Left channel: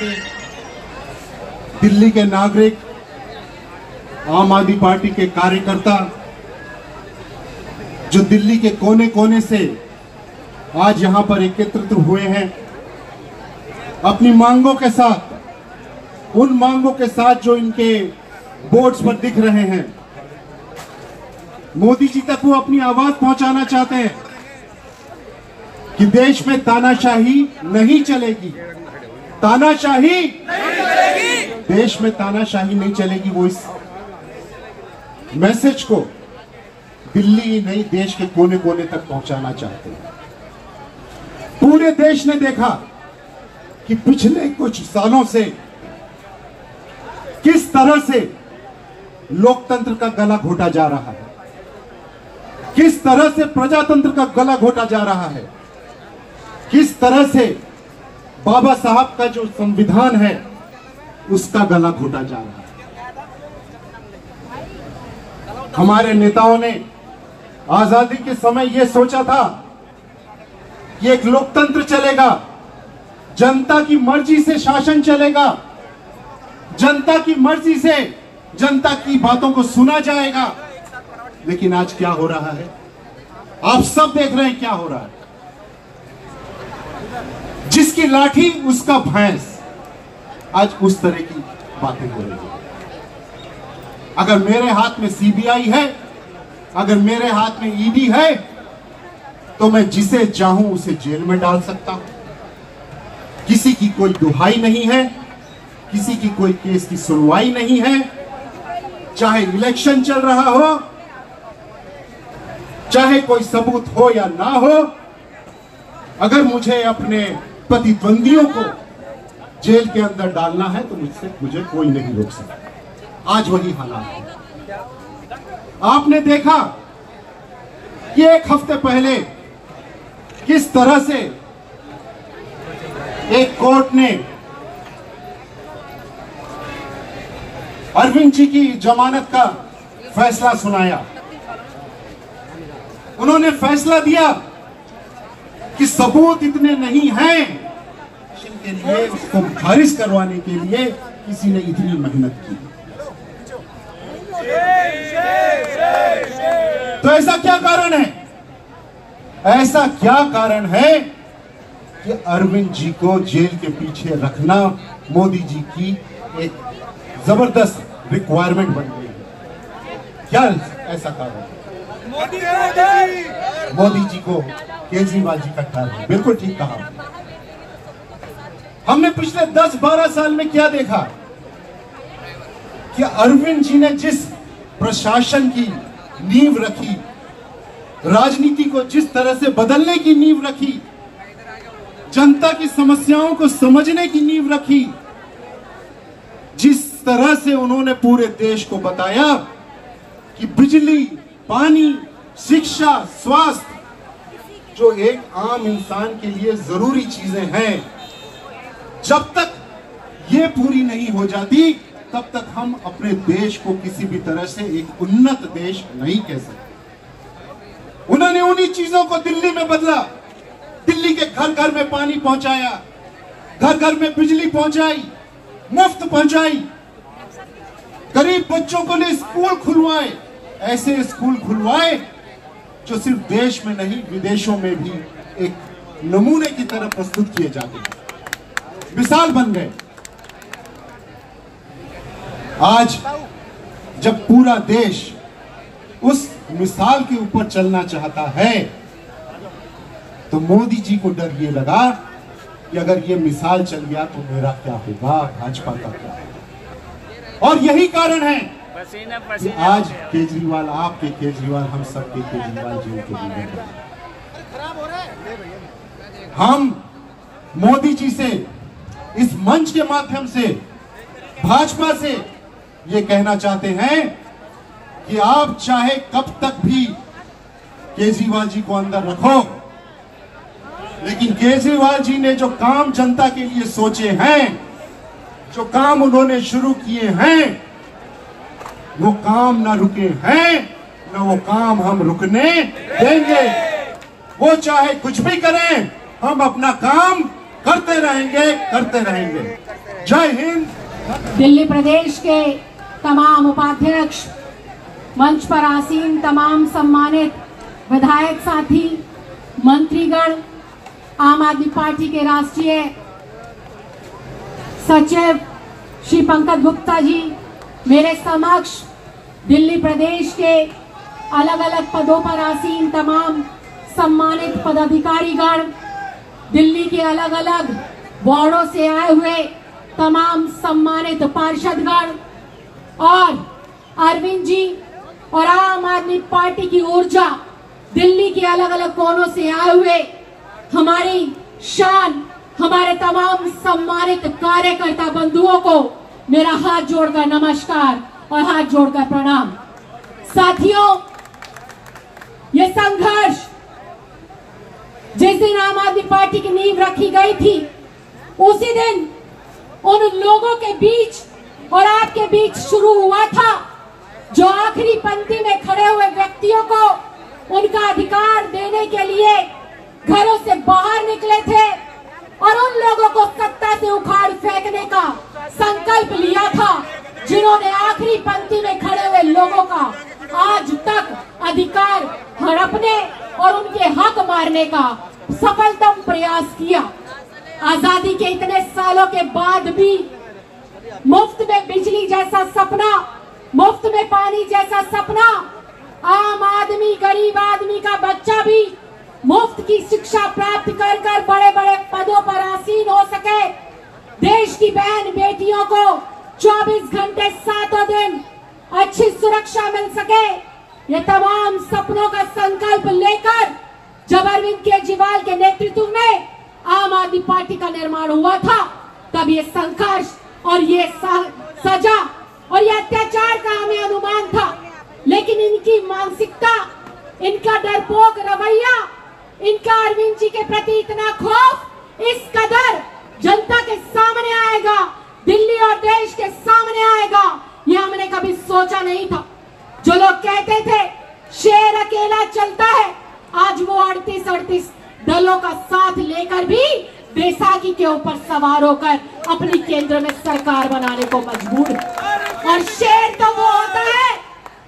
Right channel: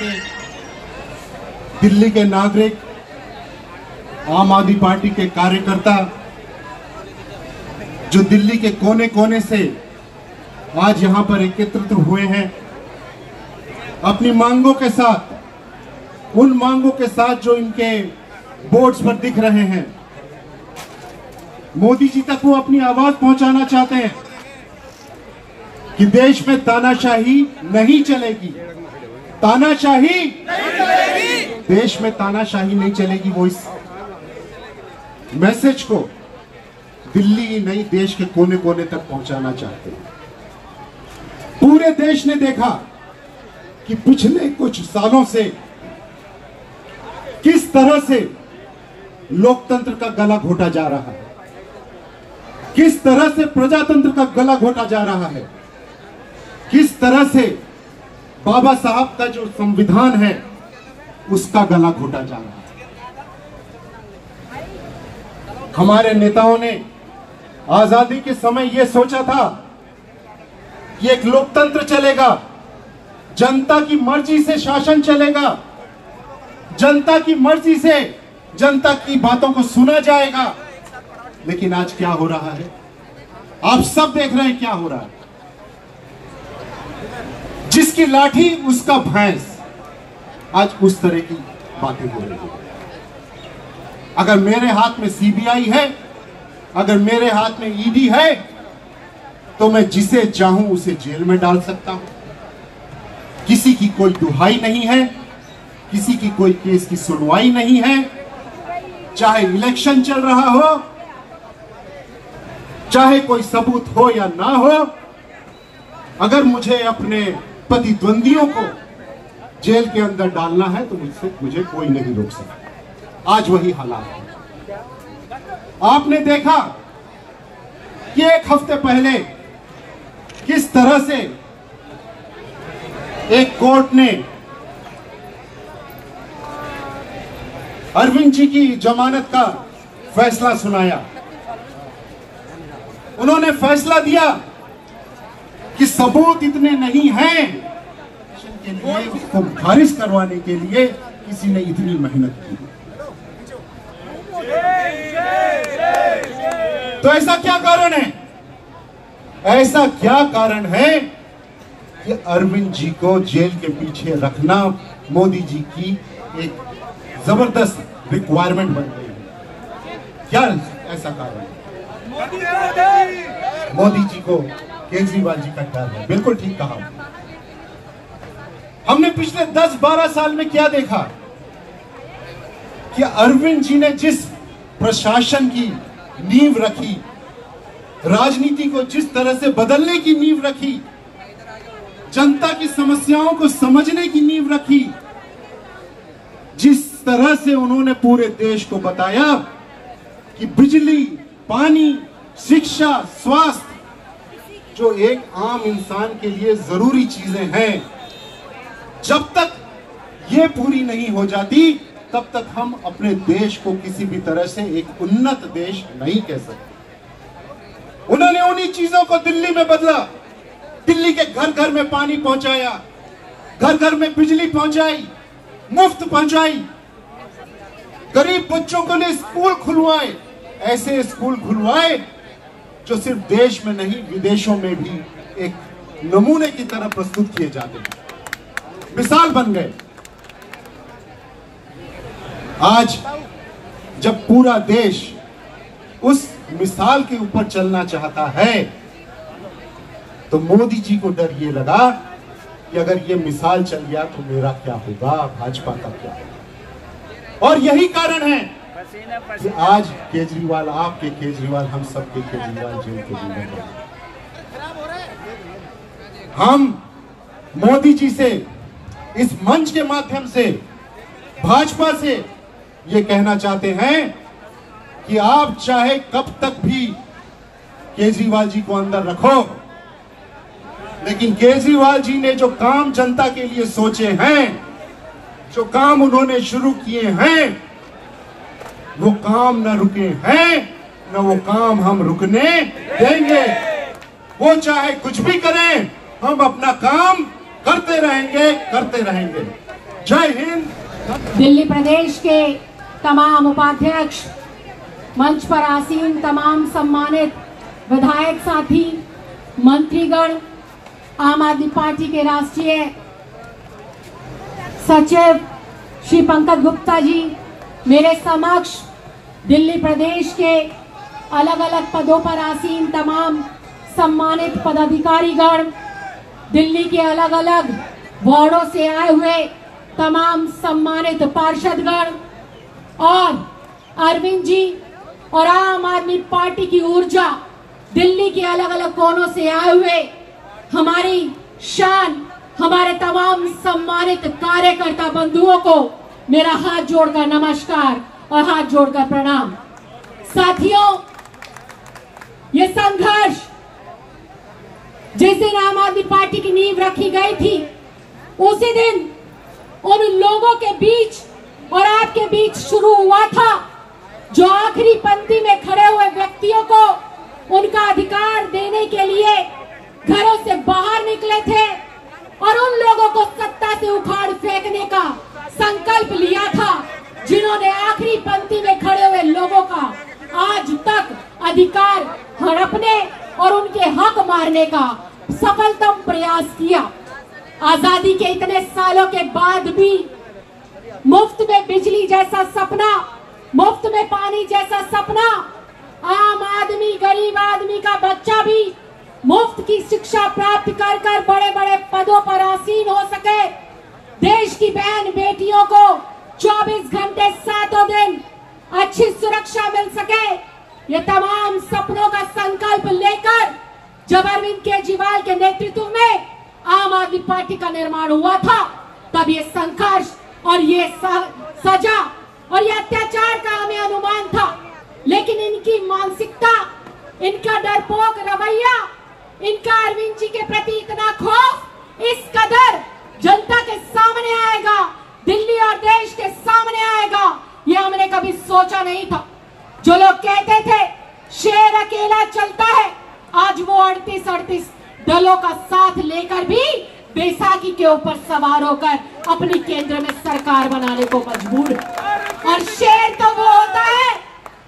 बेटे, दिल्ली के नागरिक, आम आदमी पार्टी के कार्यकर्ता जो दिल्ली के कोने कोने से आज यहां पर एकत्रित हुए हैं, अपनी मांगों के साथ, उन मांगों के साथ जो इनके बोर्ड्स पर दिख रहे हैं, मोदी जी तक वो अपनी आवाज पहुंचाना चाहते हैं कि देश में तानाशाही नहीं चलेगी, तानाशाही नहीं चलेगी, देश में तानाशाही नहीं चलेगी। वो इस मैसेज को दिल्ली ही नहीं, देश के कोने कोने तक पहुंचाना चाहते हैं। पूरे देश ने देखा कि पिछले कुछ सालों से किस तरह से लोकतंत्र का गला घोटा जा रहा है, किस तरह से प्रजातंत्र का गला घोटा जा रहा है, किस तरह से बाबा साहब का जो संविधान है उसका गला घोटा जा रहा है। हमारे नेताओं ने आजादी के समय यह सोचा था कि एक लोकतंत्र चलेगा, जनता की मर्जी से शासन चलेगा, जनता की मर्जी से जनता की बातों को सुना जाएगा। लेकिन आज क्या हो रहा है, आप सब देख रहे हैं क्या हो रहा है। जिसकी लाठी उसका भैंस, आज उस तरह की बातें हो रही है। अगर मेरे हाथ में सीबीआई है, अगर मेरे हाथ में ईडी है, तो मैं जिसे चाहूं उसे जेल में डाल सकता हूं। किसी की कोई दुहाई नहीं है, किसी की कोई केस की सुनवाई नहीं है। चाहे इलेक्शन चल रहा हो, चाहे कोई सबूत हो या ना हो, अगर मुझे अपने प्रतिद्वंदियों को जेल के अंदर डालना है तो मुझे कोई नहीं रोक सकता। आज वही हालात है। आपने देखा कि एक हफ्ते पहले किस तरह से एक कोर्ट ने अरविंद जी की जमानत का फैसला सुनाया। उन्होंने फैसला दिया कि सबूत इतने नहीं हैं के लिए उसको खारिज करवाने के लिए किसी ने इतनी मेहनत की। तो ऐसा क्या कारण है, ऐसा क्या कारण है कि अरविंद जी को जेल के पीछे रखना मोदी जी की एक जबरदस्त रिक्वायरमेंट बन गई है? क्या ऐसा कारण है? मोदी जी को केजरीवाल जी का डर है। बिल्कुल ठीक कहा। हमने पिछले 10-12 साल में क्या देखा कि अरविंद जी ने जिस प्रशासन की नींव रखी, राजनीति को जिस तरह से बदलने की नींव रखी, जनता की समस्याओं को समझने की नींव रखी, जिस तरह से उन्होंने पूरे देश को बताया कि बिजली, पानी, शिक्षा, स्वास्थ्य जो एक आम इंसान के लिए जरूरी चीजें हैं, जब तक ये पूरी नहीं हो जाती तब तक हम अपने देश को किसी भी तरह से एक उन्नत देश नहीं कह सकते। उन्होंने उन्हीं चीजों को दिल्ली में बदला। दिल्ली के घर घर में पानी पहुंचाया, घर घर में बिजली पहुंचाई, मुफ्त पहुंचाई, गरीब बच्चों के लिए स्कूल खुलवाए, ऐसे स्कूल खुलवाए जो सिर्फ देश में नहीं विदेशों में भी एक नमूने की तरह प्रस्तुत किए जाते हैं, मिसाल बन गए। आज जब पूरा देश उस मिसाल के ऊपर चलना चाहता है तो मोदी जी को डर ये लगा कि अगर ये मिसाल चल गया तो मेरा क्या होगा, भाजपा का क्या होगा। और यही कारण है कि आज केजरीवाल, आपके केजरीवाल, हम सबके केजरीवाल जेल के अंदर हैं। हम मोदी जी से इस मंच के माध्यम से, भाजपा से ये कहना चाहते हैं कि आप चाहे कब तक भी केजरीवाल जी को अंदर रखो, लेकिन केजरीवाल जी ने जो काम जनता के लिए सोचे हैं, जो काम उन्होंने शुरू किए हैं, वो काम न रुके हैं, न वो काम हम रुकने देंगे। वो चाहे कुछ भी करें, हम अपना काम करते रहेंगे, करते रहेंगे। जय हिंद। दिल्ली प्रदेश के तमाम उपाध्यक्ष, मंच पर आसीन तमाम सम्मानित विधायक साथी, मंत्रीगण, आम आदमी पार्टी के राष्ट्रीय सचिव श्री पंकज गुप्ता जी, मेरे समक्ष दिल्ली प्रदेश के अलग अलग पदों पर आसीन तमाम सम्मानित पदाधिकारीगण, दिल्ली के अलग अलग वार्डों से आए हुए तमाम सम्मानित पार्षदगण और अरविंद जी और आम आदमी पार्टी की ऊर्जा, दिल्ली के अलग अलग कोनों से आए हुए हमारी शान, हमारे तमाम सम्मानित कार्यकर्ता बंधुओं को मेरा हाथ जोड़कर नमस्कार और हाथ जोड़कर प्रणाम। साथियों, ये संघर्ष जिस दिन आम आदमी पार्टी की नींव रखी गई थी, उसी दिन उन लोगों के बीच और आपके बीच शुरू हुआ था जो आखिरी पंक्ति में खड़े हुए व्यक्तियों को उनका अधिकार देने के लिए घरों से बाहर निकले थे और उन लोगों को सत्ता से उखाड़ फेंकने का संकल्प लिया था, जिन्होंने आखिरी पंक्ति में खड़े हुए लोगों का आज तक अधिकार हड़पने और उनके हक मारने का सफलतम प्रयास किया। आजादी के इतने सालों के बाद भी मुफ्त में बिजली जैसा सपना, मुफ्त में पानी जैसा सपना, आम आदमी, गरीब आदमी का बच्चा भी मुफ्त की शिक्षा प्राप्त कर कर बड़े बड़े पदों पर आसीन हो सके, देश की बहन बेटियों को 24 घंटे 7 दिन अच्छी सुरक्षा मिल सके, ये तमाम सपनों का संकल्प लेकर जब अरविंद केजरीवाल के नेतृत्व में आम आदमी पार्टी का निर्माण हुआ था, तब ये संघर्ष और ये सजा और ये अत्याचार का हमें अनुमान था। लेकिन इनकी मानसिकता, इनका डरपोक रवैया, इनका अरविंद जी के प्रति इतना खौफ इस कदर जनता के सामने आएगा, दिल्ली और देश के सामने आएगा, ये हमने कभी सोचा नहीं था। जो लोग कहते थे शेर अकेला चलता है, आज वो 38 दलों का साथ लेकर भी बैसाखी के ऊपर सवार होकर अपनी केंद्र में सरकार बनाने को मजबूर है। और शेर तो वो होता है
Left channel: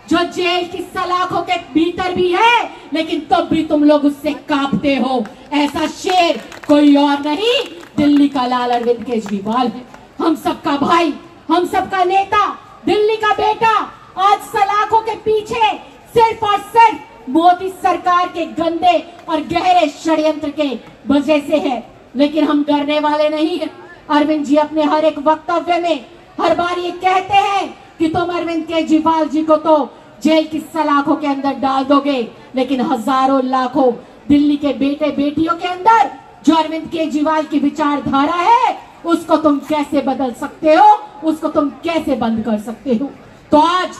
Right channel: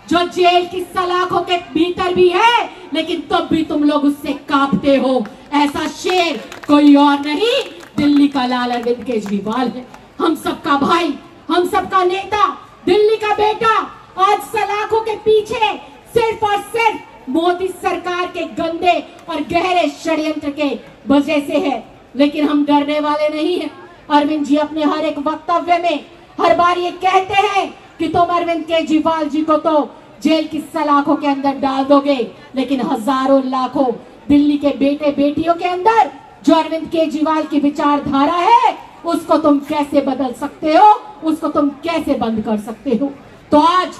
जो जेल की सलाखों के भीतर भी है, लेकिन तब भी तुम लोग उससे कांपते हो। ऐसा शेर कोई और नहीं, दिल्ली का लाल अरविंद केजरीवाल है। हम सबका भाई, हम सबका नेता, दिल्ली का बेटा आज सलाखों के पीछे सिर्फ और सिर्फ मोदी सरकार के गंदे और गहरे षड्यंत्र के वजह से है। लेकिन हम डरने वाले नहीं हैं। अरविंद जी अपने हर एक वक्तव्य में हर बार ये कहते हैं कि तुम अरविंद केजरीवाल जी को तो जेल की सलाखों के अंदर डाल दोगे, लेकिन हजारों लाखों दिल्ली के बेटे बेटियों के अंदर जो अरविंद केजरीवाल की विचारधारा है, उसको तुम कैसे बदल सकते हो, उसको तुम कैसे बंद कर सकते हो। तो आज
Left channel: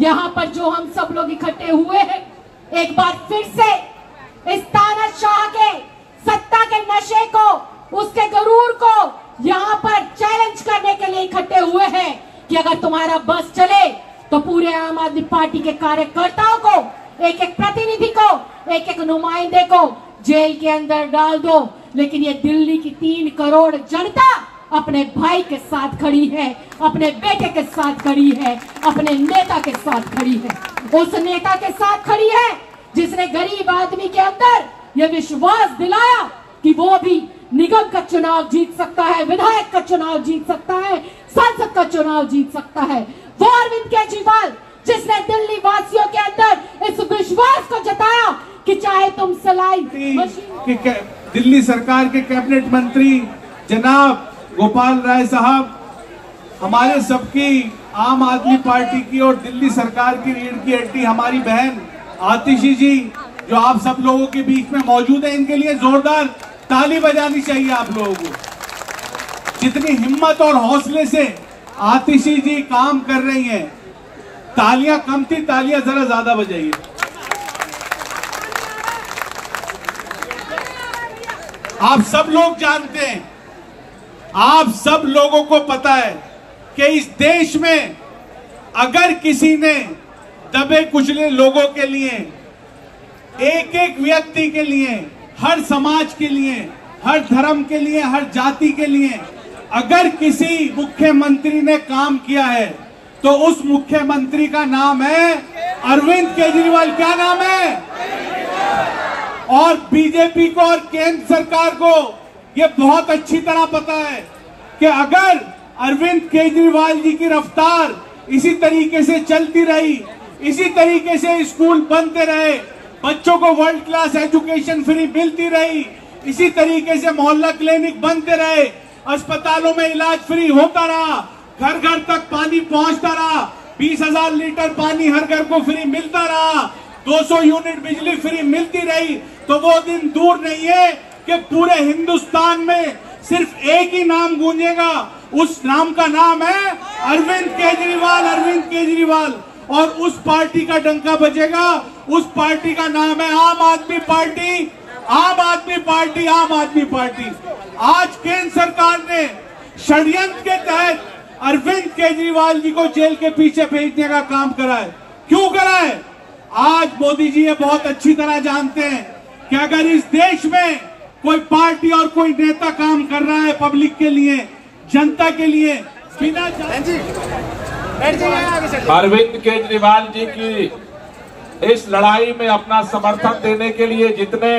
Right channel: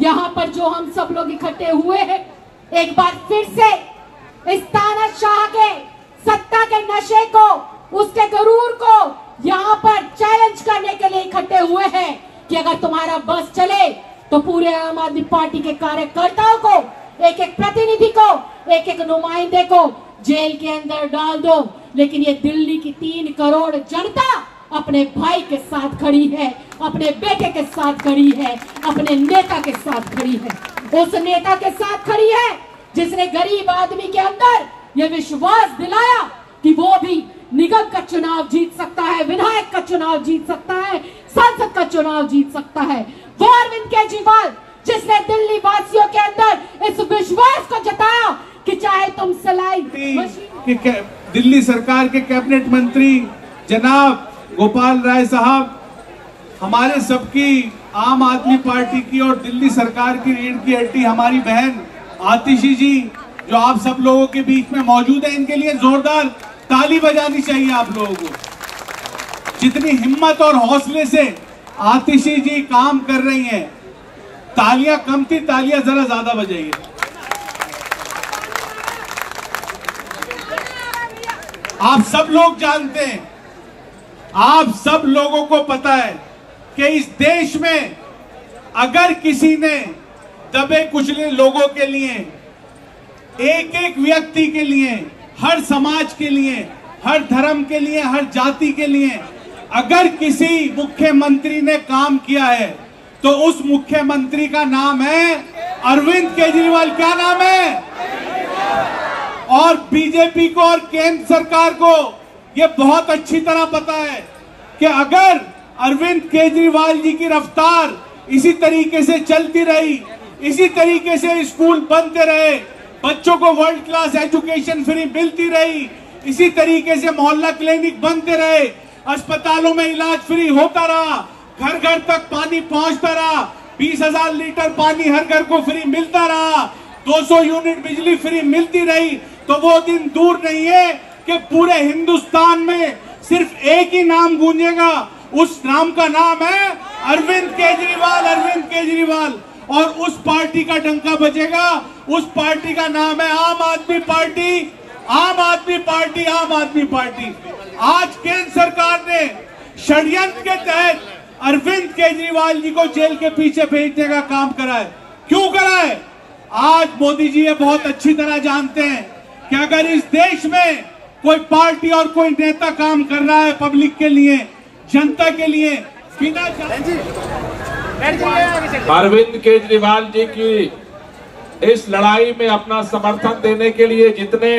यहाँ पर जो हम सब लोग इकट्ठे हुए हैं, एक बार फिर से इस तानाशाह के सत्ता के नशे को, उसके गरूर को यहाँ पर चैलेंज करने के लिए इकट्ठे हुए हैं कि अगर तुम्हारा बस चले तो पूरे आम आदमी पार्टी के कार्यकर्ताओं को, एक एक प्रतिनिधि को, एक एक नुमाइंदे को जेल के अंदर डाल दो। लेकिन ये दिल्ली की 3 करोड़ जनता अपने भाई के साथ खड़ी है, अपने बेटे के साथ खड़ी है, अपने नेता के साथ खड़ी है। उस नेता के साथ खड़ी है जिसने गरीब आदमी के अंदर ये विश्वास दिलाया कि वो भी निगम का चुनाव जीत सकता है, विधायक का चुनाव जीत सकता है, सांसद का चुनाव जीत सकता है। वो अरविंद केजरीवाल जिसने दिल्ली वासियों के अंदर इस विश्वास को जताया कि चाहे तुम सिलाई दिल्ली सरकार के कैबिनेट मंत्री जनाब गोपाल राय साहब, हमारे सबकी आम आदमी पार्टी की और दिल्ली सरकार की रीढ़ की हड्डी हमारी बहन आतिशी जी जो आप सब लोगों के बीच में मौजूद है, इनके लिए जोरदार ताली बजानी चाहिए आप लोगों को। जितनी हिम्मत और हौसले से आतिशी जी काम कर रही हैं, तालियां कम थी, तालियां जरा ज्यादा बजाइए। आप सब लोग जानते हैं, आप सब लोगों को पता है कि इस देश में अगर किसी ने दबे कुचले लोगों के लिए, एक एक व्यक्ति के लिए, हर समाज के लिए, हर धर्म के लिए, हर जाति के लिए अगर किसी मुख्यमंत्री ने काम किया है तो उस मुख्यमंत्री का नाम है अरविंद केजरीवाल। क्या नाम है? और बीजेपी को और केंद्र सरकार को ये बहुत अच्छी तरह पता है कि अगर अरविंद केजरीवाल जी की रफ्तार इसी तरीके से चलती रही, इसी तरीके से स्कूल बनते रहे, बच्चों को वर्ल्ड क्लास एजुकेशन फ्री मिलती रही, इसी तरीके से मोहल्ला क्लिनिक बनते रहे, अस्पतालों में इलाज फ्री होता रहा, घर घर तक पानी पहुंचता रहा, 20,000 लीटर पानी हर घर को फ्री मिलता रहा, 200 यूनिट बिजली फ्री मिलती रही, तो वो दिन दूर नहीं है कि पूरे हिंदुस्तान में सिर्फ एक ही नाम गूंजेगा। उस नाम का नाम है अरविंद केजरीवाल। अरविंद केजरीवाल। और उस पार्टी का डंका बजेगा। उस पार्टी का नाम है आम आदमी पार्टी। आम आदमी पार्टी। आम आदमी पार्टी। आज केंद्र सरकार ने षड्यंत्र के तहत अरविंद केजरीवाल जी को जेल के पीछे भेजने का काम करा है। क्यों करा है? आज मोदी जी ये बहुत अच्छी तरह जानते हैं कि अगर इस देश में कोई पार्टी और कोई नेता काम कर रहा है पब्लिक के लिए, जनता के लिए, बिना अरविंद केजरीवाल जी की इस लड़ाई में अपना समर्थन देने के लिए जितने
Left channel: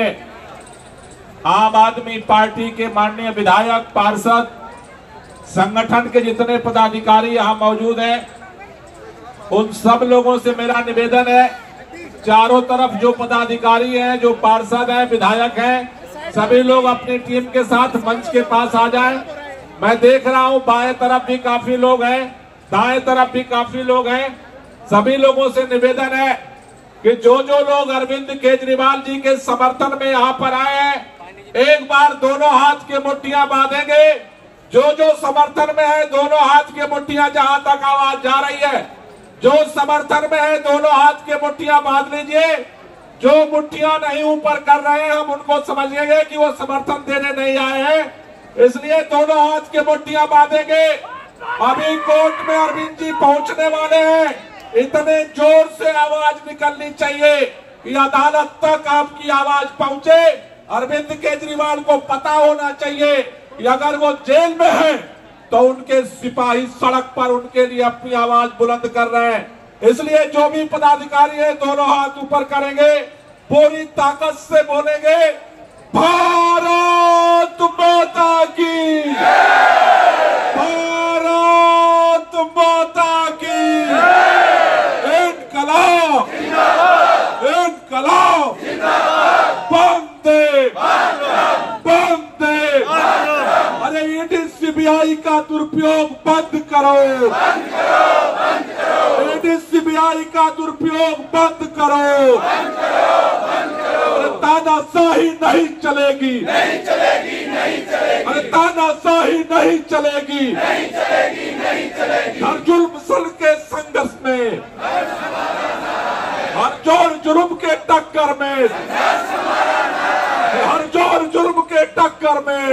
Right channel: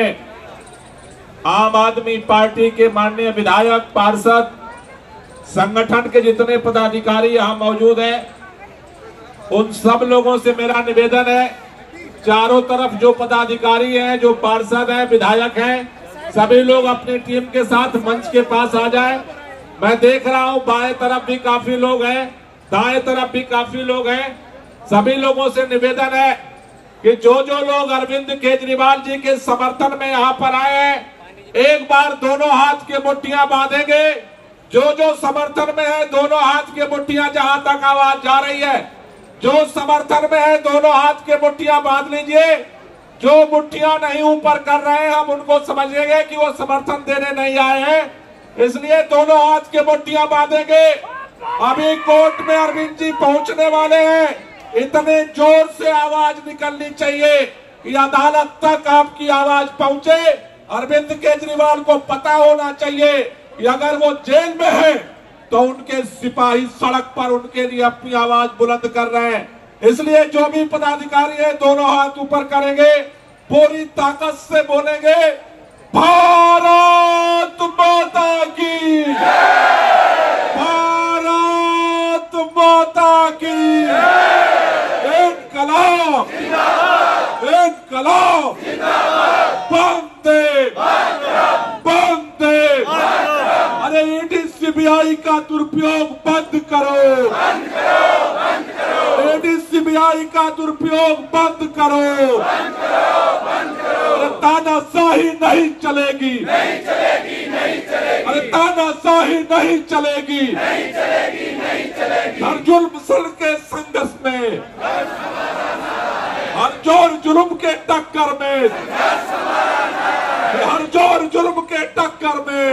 आम आदमी पार्टी के माननीय विधायक, पार्षद, संगठन के जितने पदाधिकारी यहाँ मौजूद हैं, उन सब लोगों से मेरा निवेदन है, चारों तरफ जो पदाधिकारी हैं, जो पार्षद हैं, विधायक हैं, सभी लोग अपनी टीम के साथ मंच के पास आ जाएं। मैं देख रहा हूं बाएं तरफ भी काफी लोग हैं, दाएं तरफ भी काफी लोग हैं। सभी लोगों से निवेदन है कि जो लोग अरविंद केजरीवाल जी के समर्थन में यहाँ पर आए हैं, एक बार दोनों हाथ के मुट्ठियां बांधेंगे। जो समर्थन में है दोनों हाथ के मुट्ठियां, जहां तक आवाज जा रही है, जो समर्थन में है दोनों हाथ के मुट्ठियां बांध लीजिए। जो मुट्ठियां नहीं ऊपर कर रहे हैं हम उनको समझेंगे कि वो समर्थन देने नहीं आए हैं, इसलिए दोनों हाथ के मुट्ठियां बांधेंगे। अभी कोर्ट में अरविंद जी पहुंचने वाले हैं, इतने जोर से आवाज निकलनी चाहिए कि अदालत तक आपकी आवाज पहुंचे। अरविंद केजरीवाल को पता होना चाहिए कि अगर वो जेल में है तो उनके सिपाही सड़क पर उनके लिए अपनी आवाज बुलंद कर रहे हैं। इसलिए जो भी पदाधिकारी है दोनों हाथ ऊपर करेंगे, पूरी ताकत से बोलेंगे, भारत माता की, भारत माता की, इनकलाब, इनकलाब, वंदे, वंदे। अरे ईडी सीबीआई का दुरुपयोग बंद करो, ईडी सीबीआई का दुरुपयोग बंद करो। अरे तानाशाही नहीं चलेगी, नहीं चलेगी, नहीं चलेगी। अरे तानाशाही नहीं चलेगी, नहीं चलेगी, नहीं चलेगी। हर जुल्म के संघर्ष में, हर जोर जुल्म के टक्कर में, हर जोर जुल्म के टक्कर में।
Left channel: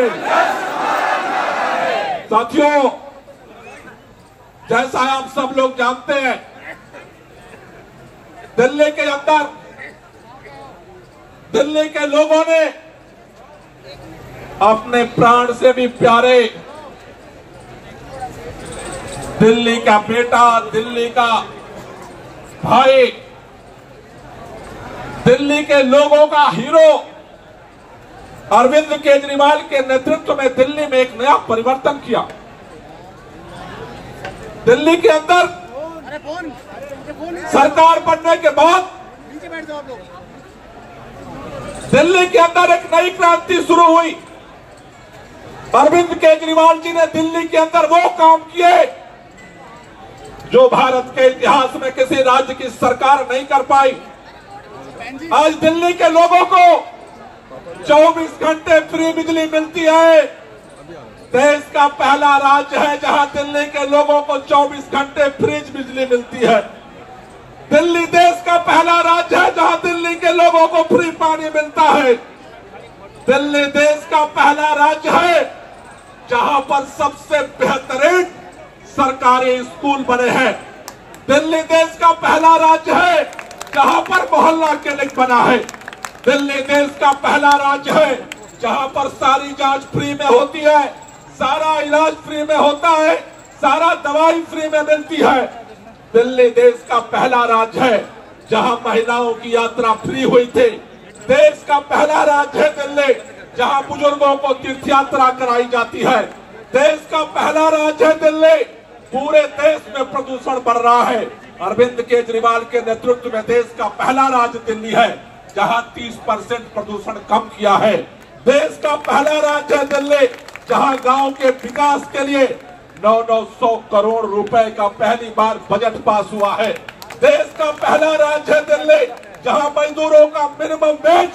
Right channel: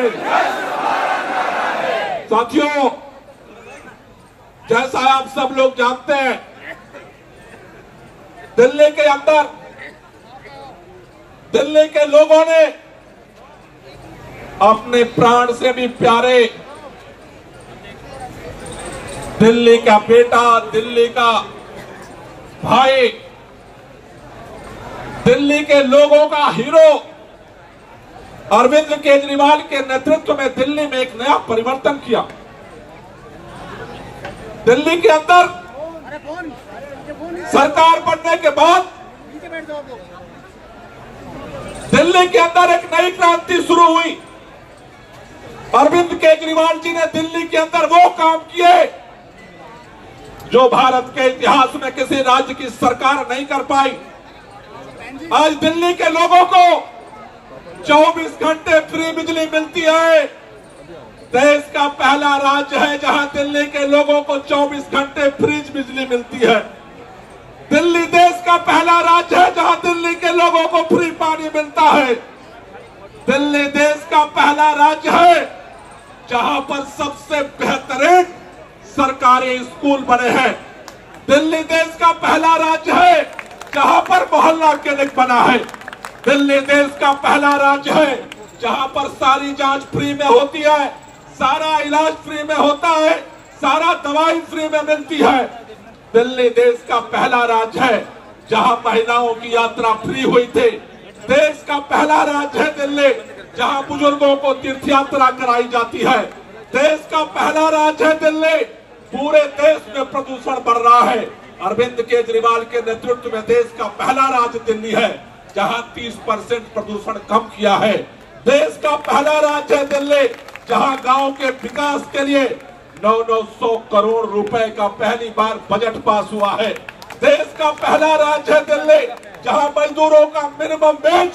साथियों, जैसा आप सब लोग जानते हैं, दिल्ली के अंदर दिल्ली के लोगों ने अपने प्राण से भी प्यारे दिल्ली का बेटा, दिल्ली का भाई, दिल्ली के लोगों का हीरो अरविंद केजरीवाल के नेतृत्व में दिल्ली में एक नया परिवर्तन किया। दिल्ली के अंदर सरकार बनने के बाद दिल्ली के अंदर एक नई क्रांति शुरू हुई। अरविंद केजरीवाल जी ने दिल्ली के अंदर वो काम किए जो भारत के इतिहास में किसी राज्य की सरकार नहीं कर पाई। आज दिल्ली के लोगों को 24 घंटे फ्री बिजली मिलती है। देश का पहला राज्य है जहां दिल्ली के लोगों को 24 घंटे फ्री बिजली मिलती है। दिल्ली देश का पहला राज्य है जहां दिल्ली के लोगों को फ्री पानी मिलता है। दिल्ली देश का पहला राज्य है जहां पर सबसे बेहतरीन सरकारी स्कूल बने हैं। दिल्ली देश का पहला राज्य है जहां पर मोहल्ला क्लिनिक बना है। दिल्ली देश का पहला राज्य है जहां पर सारी जांच फ्री में होती है, सारा इलाज फ्री में होता है, सारा दवाई फ्री में मिलती है। दिल्ली देश का पहला राज्य है जहां महिलाओं की यात्रा फ्री हुई थी। देश का पहला राज्य है दिल्ली जहां बुजुर्गों को तीर्थ यात्रा कराई जाती है। देश का पहला राज्य है दिल्ली। पूरे देश में प्रदूषण बढ़ रहा है। अरविंद केजरीवाल के नेतृत्व में देश का पहला राज्य दिल्ली है जहां 30% प्रदूषण कम किया है। देश का पहला राज्य है दिल्ली जहां गांव के विकास के लिए 900 करोड़ रुपए का पहली बार बजट पास हुआ है। देश का पहला राज्य है दिल्ली जहां मजदूरों का मिनिमम वेज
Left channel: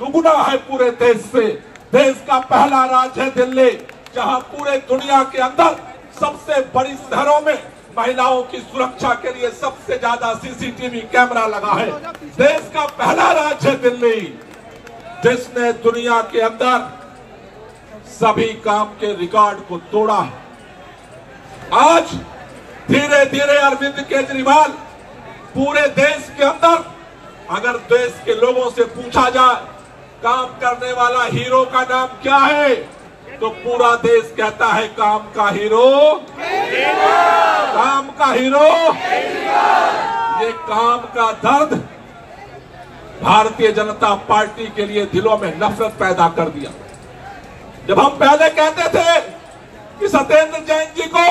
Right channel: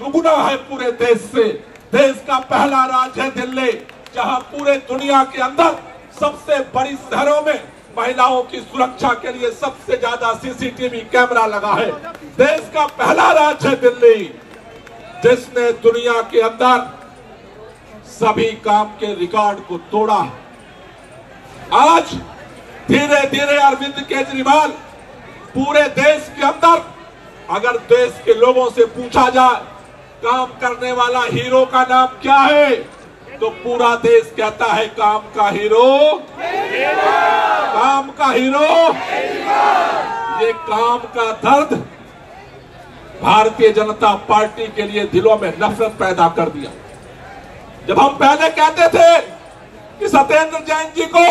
दुगुना है पूरे देश से। देश का पहला राज्य है दिल्ली जहां पूरे दुनिया के अंदर सबसे बड़ी शहरों में महिलाओं की सुरक्षा के लिए सबसे ज्यादा सीसीटीवी कैमरा लगा है। देश का पहला राज्य है दिल्ली जिसने दुनिया के अंदर सभी काम के रिकॉर्ड को तोड़ा। आज धीरे धीरे अरविंद केजरीवाल पूरे देश के अंदर, अगर देश के लोगों से पूछा जाए काम करने वाला हीरो का नाम क्या है, तो पूरा देश कहता है काम का हीरो, काम का हीरो। ये काम का दर्द भारतीय जनता पार्टी के लिए दिलों में नफरत पैदा कर दिया। जब हम पहले कहते थे कि सत्येंद्र जैन जी को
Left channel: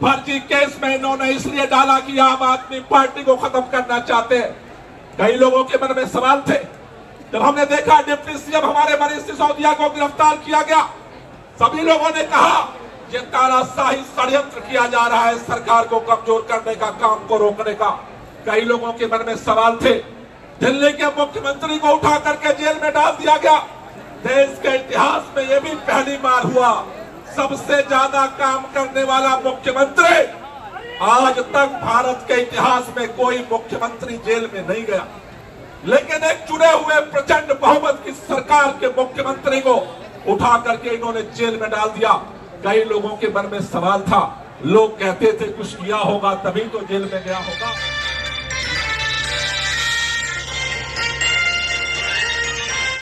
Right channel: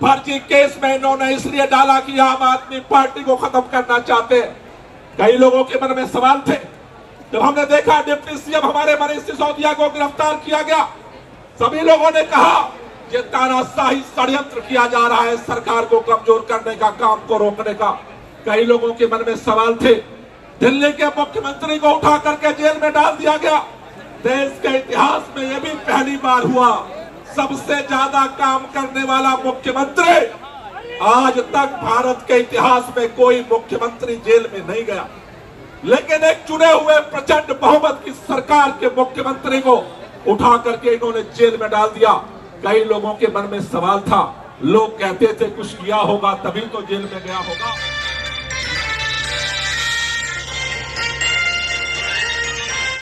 फर्जी केस में इन्होंने इसलिए डाला कि आम आदमी पार्टी को खत्म करना चाहते हैं, कई लोगों के मन में सवाल थे। जब हमने देखा डिप्टी सीएम हमारे मनीष सिसोदिया को गिरफ्तार किया गया, सभी लोगों ने कहा ये तानाशाही षड्यंत्र किया जा रहा है सरकार को कमजोर करने का, काम को रोकने का। कई लोगों के मन में सवाल थे। दिल्ली के मुख्यमंत्री को उठा करके जेल में डाल दिया गया। देश के इतिहास में यह भी पहली बार हुआ, सबसे ज्यादा काम करने वाला मुख्यमंत्री। आज तक भारत के इतिहास में कोई मुख्यमंत्री जेल में नहीं गया, लेकिन एक चुने हुए प्रचंड बहुमत की सरकार के मुख्यमंत्री को उठा करके इन्होंने जेल में डाल दिया। कई लोगों के मन में सवाल था, लोग कहते थे कुछ किया होगा तभी तो जेल में गया होगा।